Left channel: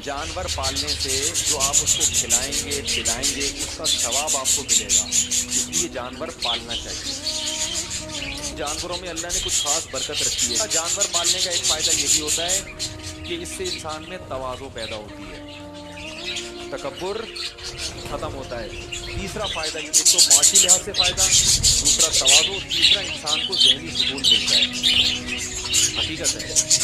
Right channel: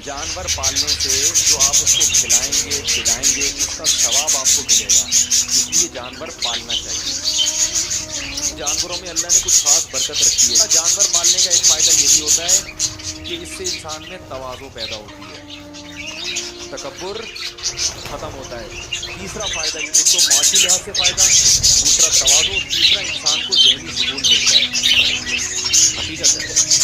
जानवर पालने से जो आप उसको खिलाएंगे पिलाएंगे उसका सवाब आपको मिलेगा, इसलिए जानवर पालना चाहिए। जानवरों में अल्लाह ने कुछ खास बरकत रखी है। जानवर पालने का एक फायदा ये भी होता है कि इससे इंसान में तवाज़ो पैदा होती है, तकब्बुर खत्म होता है। तीसरा फायदा, एक तो माशी लिहाज से फायदा, दूसरा तवाज़ो, तीसरा इंसान को ज़हनी सुकून मिलता है। हकीकत है।